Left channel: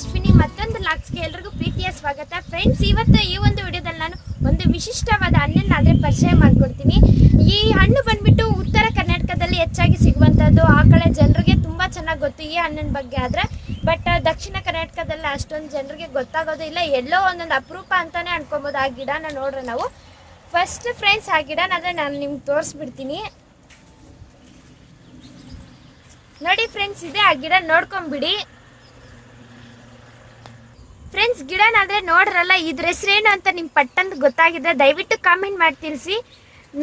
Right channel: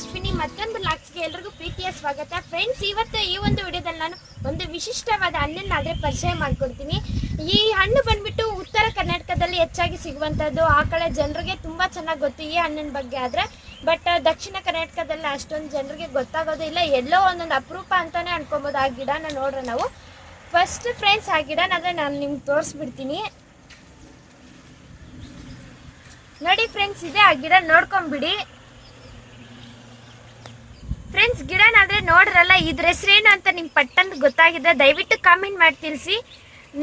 ಅಶ್ವಿನಿ, ಮತ್ತೊಂದು ಲಾಕ್ಸ್ಗೆ ಎಲ್ರಿಗೂ ಪ್ರೀತಿಯ ಸ್ವಾಗತ. ಫ್ರೆಂಡ್ಸ್ ಇವತ್ತು ಈ ಒಂದು ವಿಡಿಯೋದಲ್ಲಿ ನಾನು ಒಂದು ವಿಶಿಷ್ಟವಾದ ಹಣ್ಣನ್ನು ಆದರೆ ಪರಿಚಯ ಮಾಡ್ಕೊಡ್ತೀನಿ. ಈ ಹಣ್ಣು ಬಂದ್ಬಿಟ್ಟು ಉತ್ತರ ಕರ್ನಾಟಕದಲ್ಲಿ ಹೆಚ್ಚಾಗಿ ಸಿಗುವಂಥದ್ದು. ಆ ಕಡೆ ಜನರಿಗೆ ತುಂಬ ಚೆನ್ನಾಗಿ ಗೊತ್ತು ಈ ಹಣ್ಣಿನ ಬಗ್ಗೆ ಆದರೆ. ಬಟ್ ದಕ್ಷಿಣ ಕರ್ನಾಟಕದಲ್ಲಿ ಅಷ್ಟೊಂದು ಜನರಿಗೆ ಗೊತ್ತಾಗೋದು ಇಲ್ಲ. ಎಲ್ಲೋ ಒಂದೊಂದು ಅಪರೂಪ ಅಂತಾನೆ ಅನ್ಕೊಬೋದು. ಆ ಗಿಡನ ನೋಡ್ರೆ ನಾವು. ಫಸ್ಟ್ ಫ್ರೆಂಡ್ಸ್ ಆ ಗಿಡನಾದ್ರೆ ನಾನು ನಿಮ್ಗೆ ತೋರಿಸ್ಬಿಡ್ತೀನಿ. ನೋಡಿ ಫ್ರೆಂಡ್ಸ್ ಇದೆ ಆ ಗಿಡ ನೋಡ್ಕೊಂಬಿಡಿ. ಫ್ರೆಂಡ್ಸ್ ಗಿಡನಾದರೆ ನೋಡ್ರಲ್ಲ ಇದ್ರ ಹೆಸರೇನು ಅಂತ ನಿಮ್ಗೆ ಪಟ್ಟಂತ ಗೊತ್ತಾಗಿದೆ, ದಯವಿಟ್ಟು ಕಾಮೆಂಟ್ ಮಾಡಿ ತಿಳಿಸಿ.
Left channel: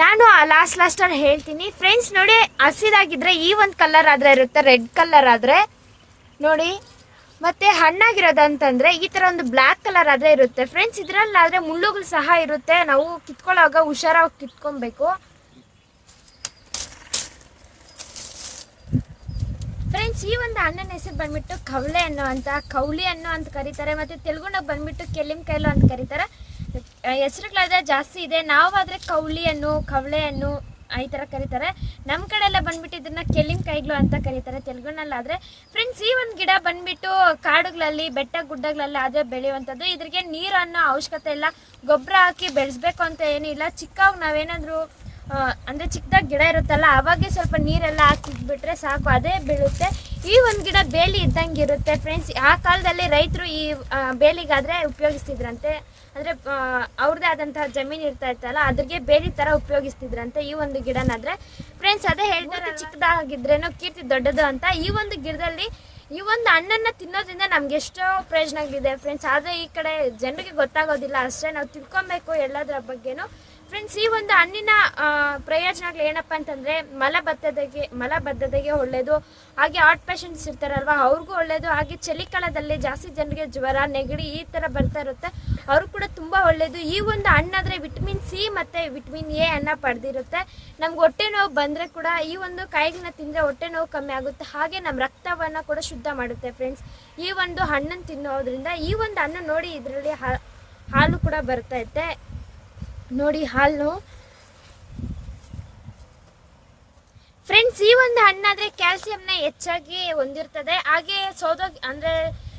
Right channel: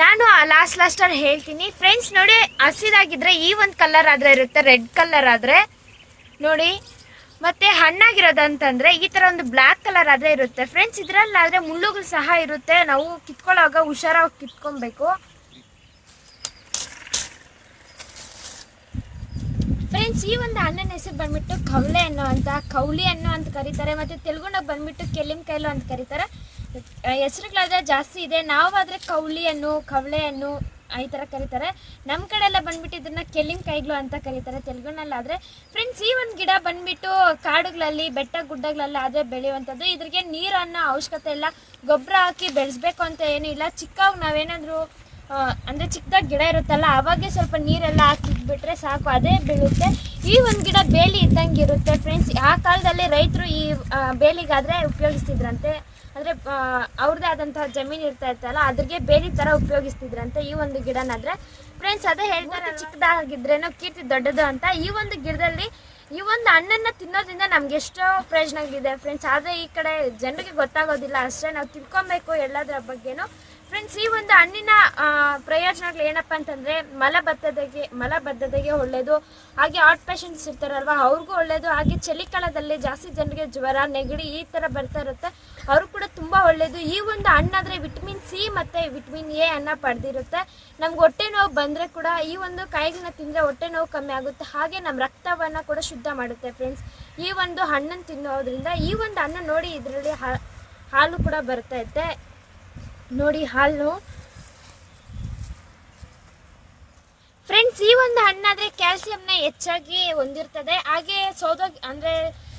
ನಾನು ಲಾಸ್ಟ್ ಲಾಸ್ಟಲ್ಲಿ ಹೇಳ್ತೀನಿ. ಫ್ರೆಂಡ್ಸ್ ನೋಡಿ, ಹಸಿರಾಗಿದ್ರೆ ಈ ಒಂದು ಕಲರ್ ಆದ್ರೆ ಇರುತ್ತೆ ರೆಡ್ ಕಲರ್ ಆದ್ರೆ. ನೋಡಿ, ಮತ್ತೆ ಹಣ್ಣಾಗಿರೋದಂತಂದ್ರೆ ಈ ತರ ಒಂದು ಬ್ಲ್ಯಾಕ್ ಕಲರ್ ಆದ್ರೆ ಇರುತ್ತೆ. ಫ್ರೆಂಡ್ಸ್ ಇದ್ರಲ್ಲಾದ್ರೆ ಮುಳ್ಳುಗಳು ಸಹ ಇರುತ್ತೆ. ನಾವು ಕಿತ್ಕೊಳ್ಳೋವಾಗ ಹುಷಾರಾಗಿ ಕಿತ್ಕೊಬೇಕು. ಫ್ರೆಂಡ್ಸ್ ಈ ಒಂದು ಅಣ್ಣನ ಹೆಸರು ಬಂದ್ಬಿಟ್ಟು ಕವಳೆ ಹಣ್ಣು ಅಂತ ಕೌಳಿ ಹಣ್ಣು ಅಂತ ಕರೀತಾರೆ, ಮತ್ತೆ ತೆಲುಗುನಾಗ ಬಂದ್ಬಿಟ್ಟು ಕೆಲ್ಲಿಂ ಕೈಲು ಅಂತ ಕರೀತಾರೆ. ಹೆಸರುಗಳಾದ್ರೆ ಜಾಸ್ತಿ ಇದೆ. ನಾವಾದ್ರೆ ಕೌಳಿ ಹಣ್ಣು ಕವಳೆ ಹಣ್ಣು ಈ ಥರ ಕರೀತಾರೆ. ನಮ್ಮ ಕಡೆ ಎಲ್ಲ ಬಂದ್ಬಿಟ್ಟು ಇದನ್ನ ಕೆಲಿಂ ಕೈಗ್ಲು ಅಂತ ಕರೀತಾರೆ ತೆಲುಗುನಲ್ಲಾದರೆ. ಫ್ರೆಂಡ್ಸ್ ಈ ಒಂದು ಗಿಡ ಬಂದ್ಬಿಟ್ಟು ಕಾಡುಗಳಲ್ಲಿ, ಬೆಟ್ಟ ಗುಡ್ಡಗಳಲ್ಲಿ ಆದರೆ ಬೆಳೆಯುವಂಥದ್ದು. ಇದ್ರಿಗೆ ನೀರು ಅವಶ್ಯಕತೆ ಇಲ್ಲ. ಗೊಬ್ಬರ ಹಾಕಿ ಬೆಳೆಸ್ಬೇಕು ಅಂತ ಏನೂ ಇಲ್ಲ. ಚಿಕ್ಕವಾಗ ನಾವೇನಾದರೂ ಅಂದ್ರೆ ಚಿಕ್ಕದಾಗಿ ಗಿಡ ಇರುತ್ತಲ್ಲ, ಅವಾಗೆ ಸ್ವಲ್ಪ ನೀರೆಲ್ಲ ಹಾಕಿಬಿಟ್ರೆ ಸಾಕು, ಅದೇ ಬೀಳುತ್ತೆ. ಈ ಒಂದು ಗಿಡ ಬೇಲಿ ಇದ್ದಂಗೆ ಇರುತ್ತೆ ಫ್ರೆಂಡ್ಸ್ ಆ ಕಾಲದಲ್ಲಿ ರೈತರು ಈ ಬೇಲಿಗಾದರೆ ಉಪಯೋಗಿಸ್ತಿದ್ರಂತೆ. ಅಂದ್ರೆ ಅವ್ರದೇ ಅವ್ರದ್ದೇ ಆದಂತಹ ಜಮೀನು ಇರ್ತಾ ಇತ್ತಲ್ಲ, ಅದ್ರಿಗೆ ಬೇಲಿ ತರ ಉಪಯೋಗಿಸ್ತಿದ್ರಂತೆ ಈ ಒಂದು ಗಿಡನಾದ್ರೆ. ಫ್ರೆಂಡ್ಸ್ ಅದೇ ಹೇಳ್ತಾರೆ ಚಿಕ್ಕದಾಗಿದ್ರೇನೋ ಕೀರ್ತಿ ದೊಡ್ಡದು ಅಂತ. ಈ ಒಂದು ಗಿಡದಲ್ಲಿ ಈ ಒಂದು ಹಣ್ಣನ್ನ ತಿನ್ನೋದ್ರಿಂದ ನಮ್ಗೆ ಎಷ್ಟೋ ಪ್ರಯೋಜನಗಳಿದೆ ಫ್ರೆಂಡ್ಸ್ ಆದ್ರೆ ಈ ಕಡೆ ಜನರಿಗೆ ಗೊತ್ತಾಗೋದಿಲ್ಲ. ಅಷ್ಟೇ ನಾವು ತಿಳ್ಕೊಬೇಕು ಎಲ್ಲದರ ಬಗ್ಗೆನೂ. ಫ್ರೆಂಡ್ಸ್ ಈ ಒಂದು ಹಣ್ಣಿನ ಪ್ರಯೋಜನಗಳು ಏನಪ್ಪ ಅಂತಂದ್ರೆ, ಮಲಬದ್ಧತೆಗೆ ಮಲಬದ್ಧತೆಗೆ ಒಳ್ಳೇದು. ಹಾಗೆ ಹಾರ್ಟ್ ಪೇಷಂಟ್ಸ್ ಇರ್ತಾರಲ್ವಾ, ಅವ್ರಿಗೂ ಒಳ್ಳೇದು. ಹಾಗೆ ಚಳಿಕಾಲದಲ್ಲಿ ಜಾಸ್ತಿ ಜನರಿಗೆ ಜ್ವರ, ನೆಗಡಿ ಈ ತರ ಬರ್ತಾ ಇರುತ್ತೆ. ಅವ್ರು ಕೂಡ ತುಂಬಾ ಒಳ್ಳೇದು. ಈ ಒಂದು ಹಣ್ಣಾದ್ರೆ ವಿಟಮಿನ್ ಸಿ ಮತ್ತೆ ವಿಟಮಿನ್ ಎ ಅನ್ನ ಪಡೆದಿರುತ್ತೆ. ನಮ್ಗೆ ಹೊಟ್ಟೆ ನೋವು ಬಂದರೆ ಕೂಡ ಈ ಒಂದು ಕಾಯಿಗಳನ್ನ ತಿಂದ್ರೆ ಹೊಟ್ಟೆ ನೋವು ಕಮ್ಮಿ ಆಗುತ್ತೆ. ಹಾಗೆ ನಮ್ಮ ರಕ್ತವನ್ನ ಕೂಡ ಶುದ್ಧ ಮಾಡುತ್ತೆ ಫ್ರೆಂಡ್ಸ್ ಈ ಒಂದು ಹಣ್ಣನ್ನು ತಿನ್ನೋದ್ರಿಂದ ಈ ಒಂದು ಹಣ್ಣು ನೋಡಿ ಇದರಲ್ಲಿ ಹಾಲು ಕೂಡ ಬರ್ತೈತೆ. ನೋಡಿ ಹಾಲು. ಫ್ರೆಂಡ್ಸ್ ಈ ಒಂದು ಹಣ್ಣಾದರೆ ಕ್ಯಾಲ್ಸಿಯಂನ ಹೆಚ್ಚಾಗಿ ಹೊಂದಿರ್ತದೆ. ಹಾಗೆ ಸೋದೋ ಅಂದ್ರೆ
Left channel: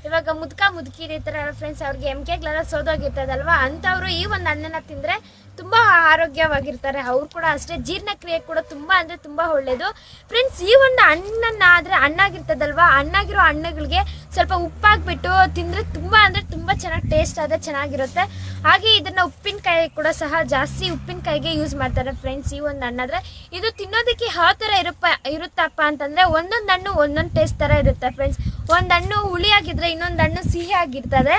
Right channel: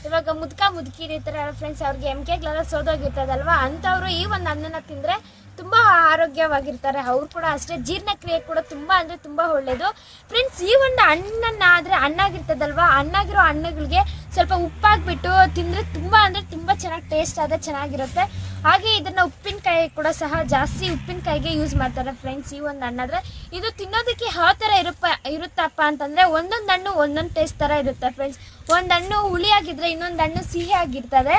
ಇವಾಗ ಮುದ್ಕ ಮುದುಕಿರಿ ಥರ ಫ್ರೆಂಡ್ಸ್ ಅವ್ರಿಗೆ ಎಂ ಕೆಗಳೆಲ್ಲ ಸೋದೋಗಿರ್ತದಲ್ವಾ ಅಂಥವ್ರು ಈ ಒಂದು ಹಣ್ಣನ್ನ ತಿಂದ್ರೆ ತುಂಬಾ ಆರೋಗ್ಯವಾಗಿರ್ತಾರೆ. ಅವ್ರು ಕೂಡ ಅಷ್ಟೇ. ಜೀರ್ಣಕ್ರಿಯೆ ಕೂಡ ತುಂಬಾ ಅಂದ್ರೆ ತುಂಬಾ ಒಳ್ಳೇದು. ಫ್ರೆಂಡ್ಸ್ ಈ ಒಂದು ಹಣ್ಣನ್ನ ಆದ್ರೆ ಹಣ್ಣಾಗಿರ್ತದಲ್ವಾ ಹಣ್ಣಾಗಿರೋ ಹಣ್ಣುಗಳಿಗೆ ಸ್ವಲ್ಪ ಉಪ್ಪಾಗ್ಬಿಟ್ಟು ತಿಂದ್ರೆ ತುಂಬಾ ಅಂದ್ರೆ ತುಂಬಾ ಚೆನ್ನಾಗಿ ಟೇಸ್ಟ್ ಆದ್ರೆ ಚೆನ್ನಾಗಿರುತ್ತೆ. ಹಾಗೆ ಇದನ್ನ ಉಪ್ಪಿನಕಾಯಿ ಕೂಡ ಸಹ ಜಾಸ್ತಿ ಉಪ್ಪಿನಕಾಯಿಗೆ ಯೂಸ್ ಮಾಡ್ತಾರೆ ಫ್ರೆಂಡ್ಸ್ ಈ ಒಂದು ಹಣ್ಣಾದ್ರೆ ಇದು ತಿನ್ನೋದಕ್ಕೆ ಯಾವ ಥರ ಇರಪ್ಪ, ಇರುತ್ತಪ್ಪ ಅಂತಂದ್ರೆ ಒಂದೊಂದು ಹಣ್ಣು ಒಂದೊಂದು ಟೇಸ್ಟ್ ಥರ ಇರುತ್ತೆ ಫ್ರೆಂಡ್ಸ್ ಒಂದು ಹಣ್ಣು ಹುಳಿಯಾಗಿದ್ರೆ ಇನ್ನೊಂದು ಹಣ್ಣು ಸಿಹಿ ಆಗಿರ್ತದೆ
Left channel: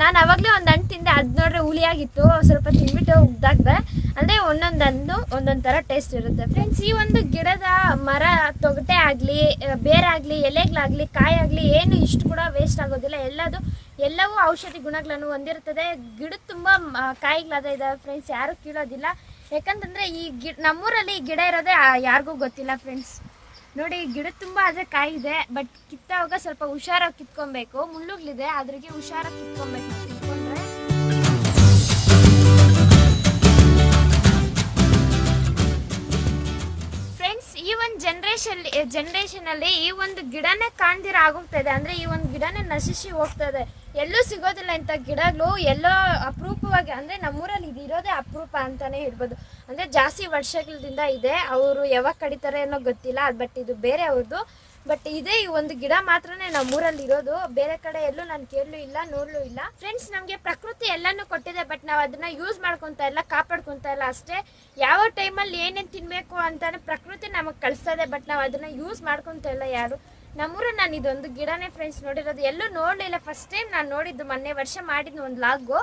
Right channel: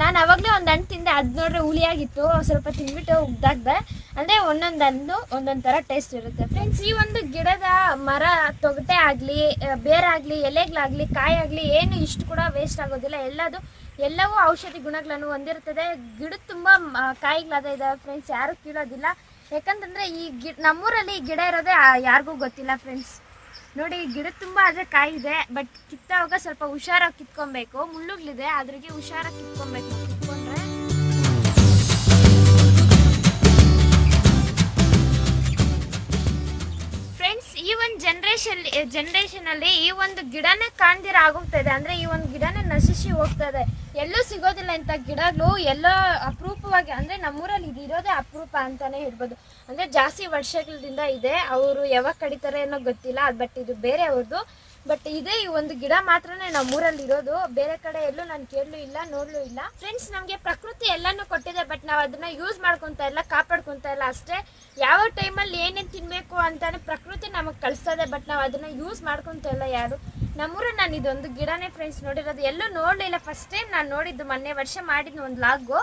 ನಾನು ಅವಾಗಲೇ ಒಂದು ಹಣ್ಣು ತಿಂದೆ ಅದು ನೋಡ್ರೆ ಹುಳಿಯಾಗಿತ್ತು ಸ್ವಲ್ಪ ತಿಂದ್ಬಿಟ್ಟು ಉಗ್ದಾಕ್ದೆ ಅಂದರೆ ಒಂದೊಂದು ಹಣ್ಣು, ಒಂದೊಂದು ಥರ ಟೇಸ್ಟ್ ಇರುತ್ತೆ. ಫ್ರೆಂಡ್ಸ್ ಈ ಒಂದು ಗಿಡದ ಮರ ತೊಗಟೆ ಆಗಲಿ ಬೇರಾಗಲಿ ಎಲೆಗಳಾಗಲಿ, ಕಾಯಾಗಲಿ, ಏನು ಇಷ್ಟು ಕೂಡ ವೇಸ್ಟ್ ಆಗೋದಿಲ್ಲ. ಎಲ್ಲದು, ಎಲ್ಲವೂ ಔಷಧಿ ಗುಣಗಳನ್ನು ಹೊಂದಿರುತ್ತದೆ. ಗಿಡ ತುಂಬ ಕಾಯಿಗಳಾದ ಇದಾವೆ ಫ್ರೆಂಡ್ಸ್ ಯಾರು ಕೀಳೋದಿಲ್ಲ. ಯಾಕಂತಂದರೆ ಈ ಗಿಡ ನಮ್ಮೂರಲ್ಲಿ ಗಿಡ ಇರೋದೇ ಯಾರಿಗೂ ಗೊತ್ತಿಲ್ಲ ಫ್ರೆಂಡ್ಸ್ ನೋಡಿ ಗಿಡ ತುಂಬಾ ಆದ್ರೆ ಕಾಯಿ ಇದೆ ಬಟ್ ಕಿತ್ತವಾಗ ಸ್ವಲ್ಪ ಹುಷಾರಾಗಿ ಕಿತ್ಕೊಬೇಕು. ಮುಳ್ಳುಗಳಿದೆ ಅದ್ರಿಗೆ ಹುಷಾರಾಗಿ ಕಿತ್ಕೊಬೇಕು. ಕಿತ್ಕೊಂಡ್ರೆ ಜನ್ರೇಷನ್ ಜನ್ರೇಷನ್ ಅಲ್ಲಿ ಈ ಒಂದು ಗಿಡನೇ ಕಾಣ್ದಿರ ಆಗೋಗ್ತಾ ಇದೆ ಅಂದ್ರೆ ಈ ಒಂದು ಗಿಡನೇ ನಶಿಸಿ ಹೋಗ್ತಾ ಇದೆ ಎಲ್ಲೂ ಸಿಗೋದಿಲ್ಲ ಇಂಥ ಗಿಡಗಳು. ಎಲ್ಲೋ ಅಪರೂಪವಾಗಿ, ಅಂದ್ರೆ ನಮ್ಮೂರಲ್ಲಿ ಇದು ಇರೋದೇ ಅಪರೂಪ ಅಂತಾನೆ ಹೇಳ್ಬೋದು. ಅಂದ್ರೆ ಜಾಸ್ತಿ ವರ್ಷಗಳಿಂದ ಇದೆ. ಅವರು ಯಾವಾಗ ಕಡಿತಾರೆ ಅನ್ನೋ ಗೊತ್ತಿಲ್ಲ. ಬಟ್ ಇದು ಬೇರೆ ಅವ್ರದ್ದು ಬಟ್ ಇದೇ ಈ ಒಂದು ಗಿಡ ಮಾತ್ರನೇ ನಮ್ಮೂರಲ್ಲಿ ಇರೋದು. ಬೇರೆ ಕಡೆ ಎಲ್ಲೂ ನಾನು ಕೇಳಲು ಇಲ್ಲ, ನೋಡ್ಲೂ ಇಲ್ಲ. ಫ್ರೆಂಡ್ಸ್ ನಮಗೆ ಪ್ರಕೃತಿ ಎಲ್ಲಾನು ಕೊಟ್ಟಿದೆ ಬಟ್ ನಾವು ಅದನ್ನ ಯೂಸ್ ಮಾಡ್ಕೊಂತ ಇಲ್ಲ, ಕಾಪಾಡ್ಕೊಂತ ಇಲ್ಲ ಅಷ್ಟೇ. ಯಾವ ಟೈಮಲ್ಲಿ ಏನೇನು ತಿನ್ಬೇಕು ಅಂತಾನೆ ಪ್ರಕೃತಿ ನಮಗೆ ಕಳಿಸ್ತದೆ ಬಟ್ ನಾವು ಅದನ್ನ ಯೂಸ್ ಮಾಡ್ಕೊಂತ ಇಲ್ಲ ಯಾರು. ನಮ್ಮೂರು ನಾನು ಇದೊಂದು ಗಿಡನೇ ಫ್ರೆಂಡ್ಸ್ ನೋಡಿರೋದು. ಎಲ್ಲೂ ನೋಡಲಿಲ್ಲ. ಫಸ್ಟ್ ಟೈಮ್ ನಾನು ನೋಡಿದ್ದು, ಮೊನ್ನೆ ವರ್ಷ ಮಾಡಿದ್ದು ಒಂದು ಲಾಗು.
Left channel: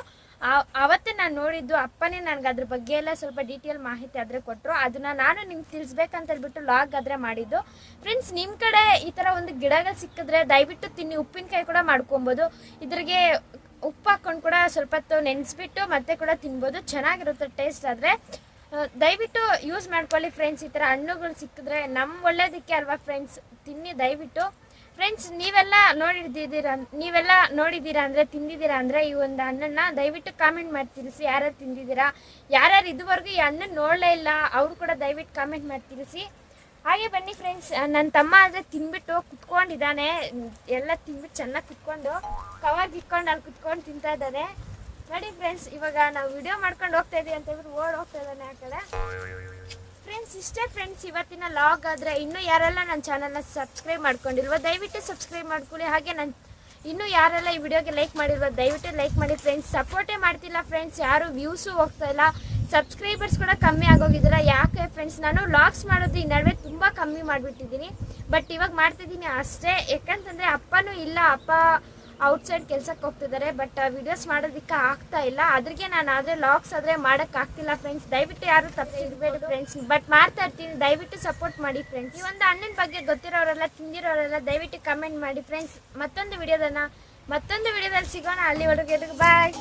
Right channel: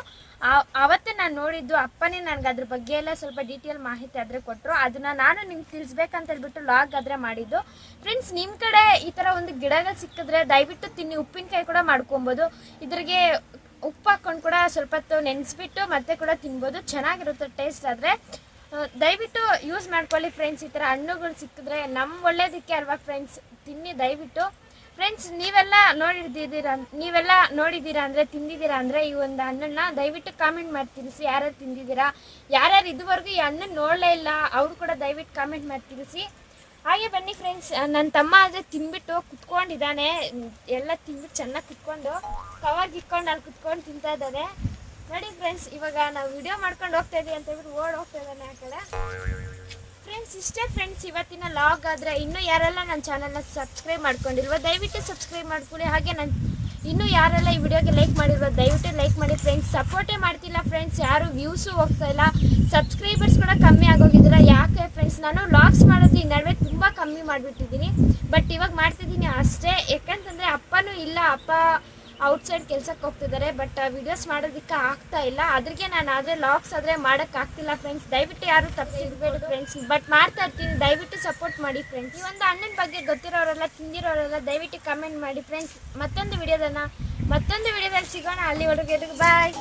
ಅವತ್ತೇ ನಾನು ನೋಡಿದ್ದು ಅಪ್ಪನೇ ನನಗೆ ಅದ್ರ ಬಗ್ಗೆ ಎಲ್ಲ ಸ್ವಲ್ಪ ಡೀಟೇಲ್ ಮಾಹಿತಿ ಆದ್ರೆ ಕೊಟ್ಟರು ಅದನ್ನ ನಾನು ನಿಮ್ಗೆ ತಿಳಿಸ್ಬೇಕಂತ ಹೇಳ್ಬಿಟ್ಟು ಲಾಗ್ ಆದ್ರೆ ಮಾಡಿದ್ದು. ಫ್ರೆಂಡ್ಸ್ ನಿಮ್ಮ ಕಡೆ ಈ ಥರ ಒಂದು ಗಿಡಗಳು ಸಿಕ್ಕಿದ್ರೆ ದಯವಿಟ್ಟು ತಿನ್ನಿ, ಉಪ್ಪಿನಕಾಯಿ ಕೂಡ ಮಾಡ್ಕೊಬೋದು. ಇದ್ರಿಗೆ ಉಪ್ಪು ಹಾಕೊಂಡು ಕೂಡ ಸ್ವಲ್ಪ ಹೊತ್ತು ನೆನೆಸ್ಬಿಟ್ಟು ಮತ್ತೆ ಕೂಡ ತಿನ್ಬೋದು. ಚೆನ್ನಾಗಿರುತ್ತೆ ಟೇಸ್ಟ್ ಆದರೆ. ದಯವಿಟ್ಟು ಯೂಸ್ ಮಾಡ್ಕೊಳ್ಳಿ ಫ್ರೆಂಡ್ಸ್ ಈ ಥರ ಹಣ್ಣುಗಳು ಸಿಕ್ಕಿದ್ರೆ ನಮ್ಮ ಒಳ್ಳೇದಕ್ಕೆ ಅಲ್ವಾ ಫ್ರೆಂಡ್ಸ್ ತಿನ್ನಿ, ದಯವಿಟ್ಟು. ಫ್ರೆಂಡ್ಸ್ ನೀವೆಲ್ಲ ನೋಡಿದ್ದೀರಾ ನೀವೆಲ್ಲ ನೋಡಿದ್ದೀರಾ ಅಂದರೆ ತಿಂದಿದ್ದೀರಾ ಅಂದರೆ ಈ ಒಂದು ಹಣ್ಣನ್ನು ದಯವಿಟ್ಟು ಕಾಮೆಂಟ್ ಮಾಡಿ ತಿಳಿಸಿ. ಯಾರ್ಯಾರು ತಿಂದಿದ್ದೀರಾ? ಯಾರ್ಯಾರು ಇದುವರೆಗೂ ಈ ಹಣ್ಣನ್ನು ನೋಡಲೇ ಇಲ್ಲ, ಅವರು ಕೂಡ ದಯವಿಟ್ಟು ಕಾಮೆಂಟ್ ಮಾಡಿ ತಿಳಿಸಿ. ಹಾಗೆ ಬನ್ನಿ ಫ್ರೆಂಡ್ಸ್ ನನ್ನ ತಮ್ಮ ಆದರೆ ತಿನ್ಬಿಟ್ಟು ಕುತ್ಕೊಂಡಿದ್ದಾನೆ. ಎಲ್ಲ ತಿನ್ಬಿಟ್ಟು ಚೆನ್ನಾಗಿ ಕುತ್ಕೊಂಡು ಕವಾಗಿ ಇಟ್ಕೊಂಡು ಅಲ್ಲಿ ಕುತ್ಕೊಂಡು ತಿಂತಾ ಇದ್ದಾನೆ. ನೋಡಿ ಫ್ರೆಂಡ್ಸ್ ಇವಾಗ ನಾವು ವಿಡಿಯೋ ಮಾಡ್ಕೊಂಡು ಹೋಗ್ತಾ ಇದೀವಿ ಅಂತ ಹೇಳಿ ಓಡ್ ಹೋಗ್ತಾ ಇದ್ದಾನೆ ಆ ಕಡೆ. ಫ್ರೆಂಡ್ಸ್ ಇಷ್ಟೇ ಫ್ರೆಂಡ್ಸ್ ಇವತ್ತಿನ ಲಾಗ್ ಆದರೆ ಇನ್ನೂ ಯಾರೆಲ್ಲ ನನ್ನ ಚಾನಲ್ನ ಸಬ್ಸ್ಕ್ರೈಬ್ ಮಾಡ್ಕೊಂಡಿಲ್ವ, ದಯವಿಟ್ಟು ಸಬ್ಸ್ಕ್ರೈಬ್ ಮಾಡ್ಕೊಳ್ಳಿ. ಹಾಗೆ ನನ್ನ ಇನ್ನೂ ಯಾರೆಲ್ಲ ಈ ವಿಡಿಯೋಗೆ ಲೈಕ್ ಮಾಡಿರುವ ದಯವಿಟ್ಟು ಲೈಕ್ ಮಾಡಿ ಫ್ರೆಂಡ್ಸ್ ಸಪೋರ್ಟೇ ಮಾಡ್ತಿಲ್ಲ ಫ್ರೆಂಡ್ಸ್ ಯಾರು ವ್ಯೂಸು ಹೋಗ್ತಾ ಇಲ್ಲ. ಸಬ್ಸ್ಕ್ರೈಬರ್ಸ್ ಕೂಡ ಕಮ್ಮಿ ಆಗೋಗಿದ್ದೀರ. ಯಾಕೆ ಫ್ರೆಂಡ್ಸ್ ನಾನು ಲಾಗ್ಸ್ ಮಾಡೋದು ಈ ನಡುವೆ ತುಂಬ ಕಮ್ಮಿ ಮಾಡಿಬಿಟ್ಟಿದ್ದೀನಿ. ಬಟ್ ಇವಾಗ ಮಾಡ್ತಿದ್ದೀನಿ ಅಷ್ಟೇ. ಯಾಕಂತಂದರೆ ಅಪ್ಪನೂ ಇಲ್ಲ, ಅಪ್ಪ ಔಟ್ಸೈಡ್ ಕೆಲ್ಸಕ್ಕೆ ಹೋಗ್ತಿದ್ದಾರೆ ಬಟ್ ವಿಡಿಯೋಸ್ ಮಾಡೋದಕ್ಕೆ ಆಗ್ತಾ ಇಲ್ಲ. ಅದ್ರಿಗೆ ನಾನು ಆದರೆ ಲಾಕ್ಸ್ ಆದರೆ ಮಾಡೋಕ್ಕೆ ಆಗ್ತಿಲ್ಲ ಫ್ರೆಂಡ್ಸ್ ದಯವಿಟ್ಟು ಯಾರು ತಪ್ಪಿರ್ಬೇಡಿ ಫ್ರೆಂಡ್ಸ್ ಬಟ್ ಮಾಡ್ತಾ ಇರ್ತೀನಿ. ದಯವಿಟ್ಟು ಸಪೋರ್ಟ್ ಮಾಡಿ ಫ್ರೆಂಡ್ಸ್ ಈ ಒಂದು ಅಣ್ಣನ ಬಗ್ಗೆ ಗೊತ್ತಿರೋರೆಲ್ಲ ತಿಂದಿರೋರೆಲ್ಲ ದಯವಿಟ್ಟು ಕಮೆಂಟ್ ಮಾಡಿ ಫ್ರೆಂಡ್ಸ್ ಮತ್ತೊಂದು ವಿಡಿಯೋದನ್ನ ಮತ್ತೊಂದು ವಿಡಿಯೋದಲ್ಲಿ ಸಿಗೋಣ. ಅಲ್ಲಿವರೆಗೆ ಬಾಯ್